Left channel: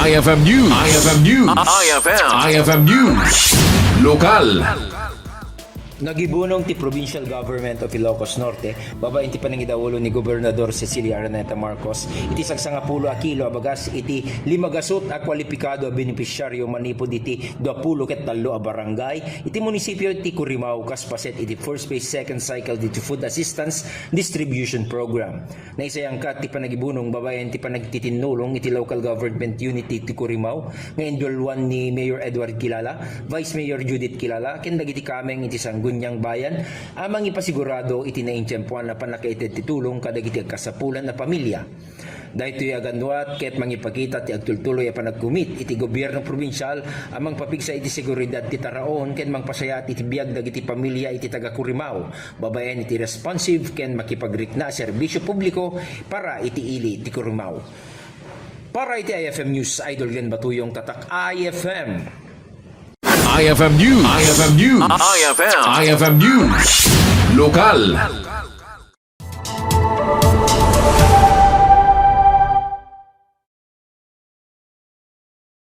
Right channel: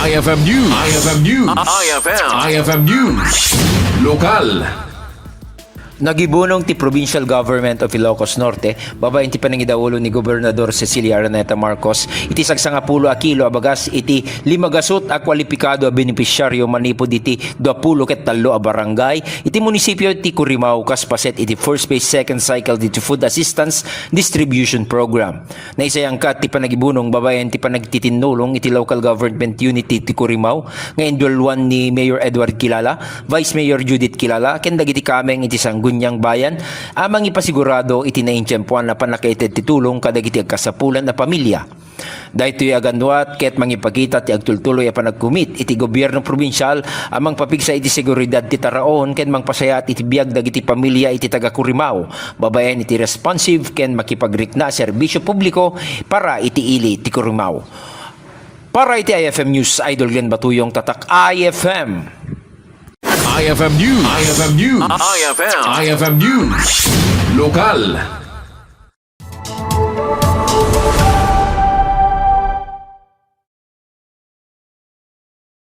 IFM News. IFM News. IFM News. Lokal. Nagibunong ti Provincial Government of Ilocos Norte, babaen ti panangidaulo ni Gobernador Cecilia Araneta Marcos, iti sagsangapulo a kilo abagas iti limagasot a kwalipikado a benepisyaryo manipod iti 23 a barangay, iti munisipyo ti Currimao kaspaset iti first phase second cycle iti food assistance distribution program. Naisayangkat ti panagibunong babaen ti panagtitinulong iti local government unity ti Currimao, nga indulwan ni Mayor Edward Kilala, Vice Mayor Judith Kilala, ken dagiti kameng iti Gunyang bayan, amang ipasigurado iti naintyempuan na panakaited titulong kadagiti agkasapulan na pamilya. Dahito aganwat ket mangipakita ti agtultuloy a panagkumit iti gobyerno probinsyal amang papigsa iti seguridad ti taraon ken mangpasayat iti biag dagiti pamilya iti taga Currimao, babaen iti responsive ken makipagrikna serbisyo publiko para iti ili ti Currimao. Para iti IFM News, Idol Glenn Batuyong, Tatak IFM. IFM News. IFM News. IFM News. Lokal.